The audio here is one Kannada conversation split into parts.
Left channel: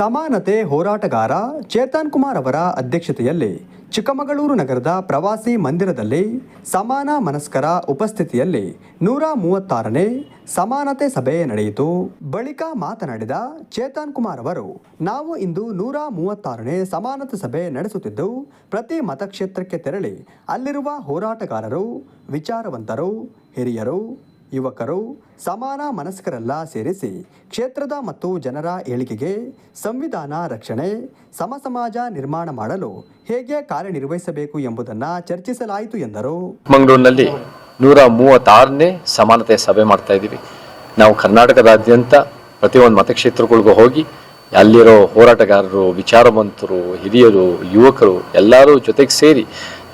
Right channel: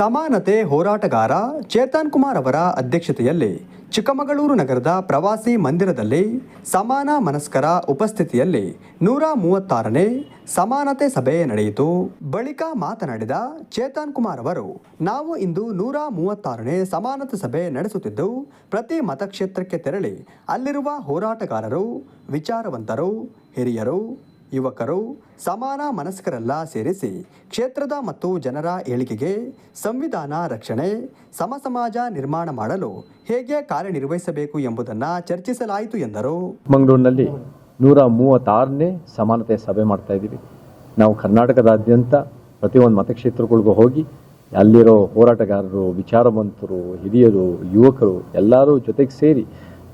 ಸಮಾನತೆ ಹೋರಾಟಗಾರ ಚೇತನ್ ಕುಮಾರ್ ಅವರ ಅಧ್ಯಕ್ಷತೆಯಲ್ಲಿ ಚಿಕ್ಕಮಗಳೂರು ನಗರದ ಪ್ರವಾಸಿ ಮಂದಿರದಲ್ಲಿ ಸಮಾನ ಮನಸ್ಕರ ಉಪಸ್ಥಿತಿಯಲ್ಲಿ ನೂರ ಮೂವತ್ತಾರನೇ ಸಮಾನತೆ ಸಭೆ ನಡೆಯಿತು. ಬಳಿಕ ಮಾತನಾಡಿದ ಚೇತನ್ ಕುಮಾರ್ ಅವರು, ನಾವು ಇಂದು ನೂರ ಮೂವತ್ತಾರನೇ ಸಮಾನತೆ ಸಭೆ ನಡೆಸುತ್ತಿದ್ದು, ಪ್ರತಿ ಮತಕ್ಷೇತ್ರಕ್ಕೆ ತೆರಳಿ ಅಲ್ಲಿರುವ ಹೋರಾಟಗಾರರು, ವಿಚಾರವಂತರು, ಹಿರಿಯರು ಯುವಕರು ಸಮಾನ ಮನಸ್ಕರೆಲ್ಲ ಸೇರಿಸಿ ಕ್ಷೇತ್ರದ ಮತ್ತು ಜನರ ಏಳಿಗೆಗೆ ಸಂವಿಧಾನ ರಕ್ಷಣೆ, ಸಮಸಮಾಜ ನಿರ್ಮಾಣ ಮಾಡಲು ಹೇಗೆ ಕಾರ್ಯನಿರ್ವಹಿಸಬೇಕು ಎಂಬುದನ್ನು ಚರ್ಚಿಸಲಾಯಿತು ಎಂದರು. ಮಂಗಳೂರಿನಲ್ಲಿ ನೂರ ಮೂವತ್ತಾರನೇ ಸಮಾನತೆ ಸಭೆ ಮಾಡ್ತಾ ಇದ್ದೀವಿ. ನಾವು ಕರ್ನಾಟಕದಾದ್ಯಂತ ಪ್ರತಿಯೊಂದು ಮತಕ್ಷೇತ್ರಗಳಿಗೂ ಹೋಗಿ ಅಲ್ಲಿರೋ ಹೋರಾಟಗಾರರು, ವಿಚಾರವಂತರು, ಹಿರಿಯರು, ಯುವಕರು ಎಲ್ಲರೂ ಜೊತೆಗೆ ಸೇರಿ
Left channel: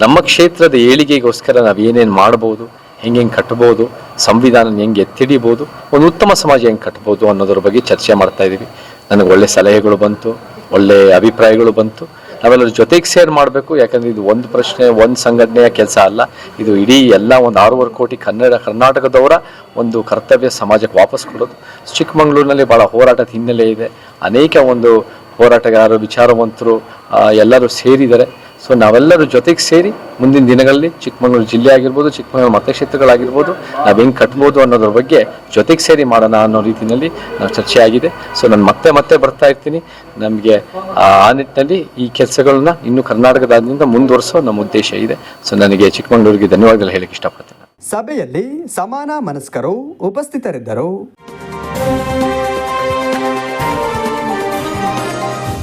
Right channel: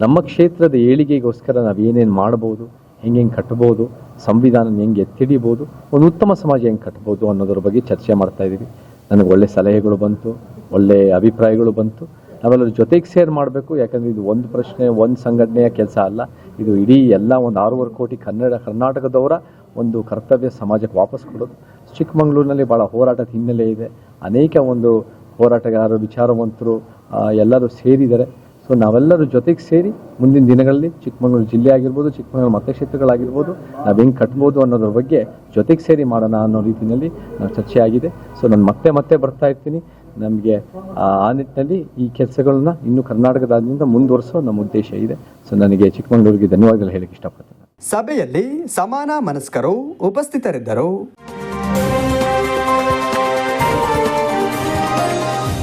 ನಮ್ಮ ಕ್ಷೇತ್ರದ ಏಳಿಗೆಗೋಸ್ಕರ ನಾವು ಏನೇನು ಮಾಡ್ಬೋದು ಹೆಂಗೆ ಹೆಂಗೆ ಕಟ್ಬೋದು, ಸಂವಿಧಾನ ಹೆಂಗೆ ಎತ್ತಿಡಿಬೋದು, ಒಂದು ಉತ್ತಮ ಸಮಾಜ ಹೆಂಗೆ ಕಟ್ಬೋದು ಅನ್ನೋದ್ರ ಬಗ್ಗೆ ಚರ್ಚೆ ಮಾಡ್ತಾ ಇದ್ದೀವಿ ನನಗೆ ಒಳ್ಳೆ ಸಲಹೆಗಳು ಬಂತು, ಒಳ್ಳೆ ಅಭಿಪ್ರಾಯಗಳು ಬಂತು. ನಾವೆಲ್ಲರ ಜೊತೆಗೆ ಸೇರ್ ಮಾಡಬೇಕು, ಯಾಕಂದ್ರೆ ಇದು ಒಂದು ಪ್ರಶ್ನೆ, ಒಂದು ಸಂಘಟನೆಯ ಕೆಲಸ ಅಲ್ಲ. ಇದು ಇಡೀ ಎಲ್ಲ ಒಂದು ಆರೂವರೆ ಕೋಟಿ ಕನ್ನಡ, ಕರ್ನಾಟಕದವರ ಒಂದು ಕರ್ತವ್ಯ ಸಮಾಜಕ್ಕೆ ವಾಪಸ್ ಕೊಡೋದು. ಚಿಕ್ಕಮಗಳೂರಿನಲ್ಲಿ ಭಾಳ ಹೋರಾಟದ ಹಿನ್ನೆಲೆ ಇದೆ. ಅನೇಕ ಒಂದು ಹೋರಾಟಗಾರರು, ವಿಚಾರವಂತರು ಎಲ್ಲರೂ ಸೇರಿದ್ದಾರೆ. ಸೊ ನಾವೆಲ್ಲರೂ ಜೊತೆಗೆ ಸೇರಿ ಮುಂದಿನ ದಿನಗಳಲ್ಲಿ ಚಿಕ್ಕಮಗಳೂರು ಜಿಲ್ಲೆ ಆಗಿರ್ಬೋದು, ಚಿಕ್ಕಮಗಳೂರು ಮತಕ್ಷೇತ್ರಗಳಾಗಿರ್ಬೋದು ನಾವು ಹೆಂಗೆ ಕಟ್ಬೋದು ಅನ್ನೋದ್ರ ಬಗ್ಗೆ ಜೊತೆಗೆ ಸೇರಿ ಮಾಡೋಣ ಅನ್ನೋ ರೀತಿಯಲ್ಲಿ ನಾವು ಚರ್ಚೆ ಆಗಿದೆ ಸೊ ನಾನು ಮತ್ತೆ ಮತ್ತೆ ಬರ್ತಾ ಇರ್ತೀನಿ. ನಮಗೆ, ಆ ನಿಟ್ಟಿನಲ್ಲಿ ಈ ಕೆಲಸಗಳನ್ನ ಇನ್ನೂ ಕರ್ನಾಟಕದಾದ್ಯಂತ ಮುಂದುವರಿಸೋ ನಮ್ಮ ಉದ್ದೇಶ ಇದೆ. ಸೊ ನನಗೆ ಚಿಕ್ಕಮಗಳೂರಿಗೆ ಧನ್ಯವಾದಗಳು ಹೇಳಕ್ಕೆ ಇಷ್ಟಪಡ್ತೇನೆ. ಸಭೆಯಲ್ಲಿ ಸಮಾನ ಮನಸ್ಕರು ಉಪಸ್ಥಿತರಿದ್ದರು.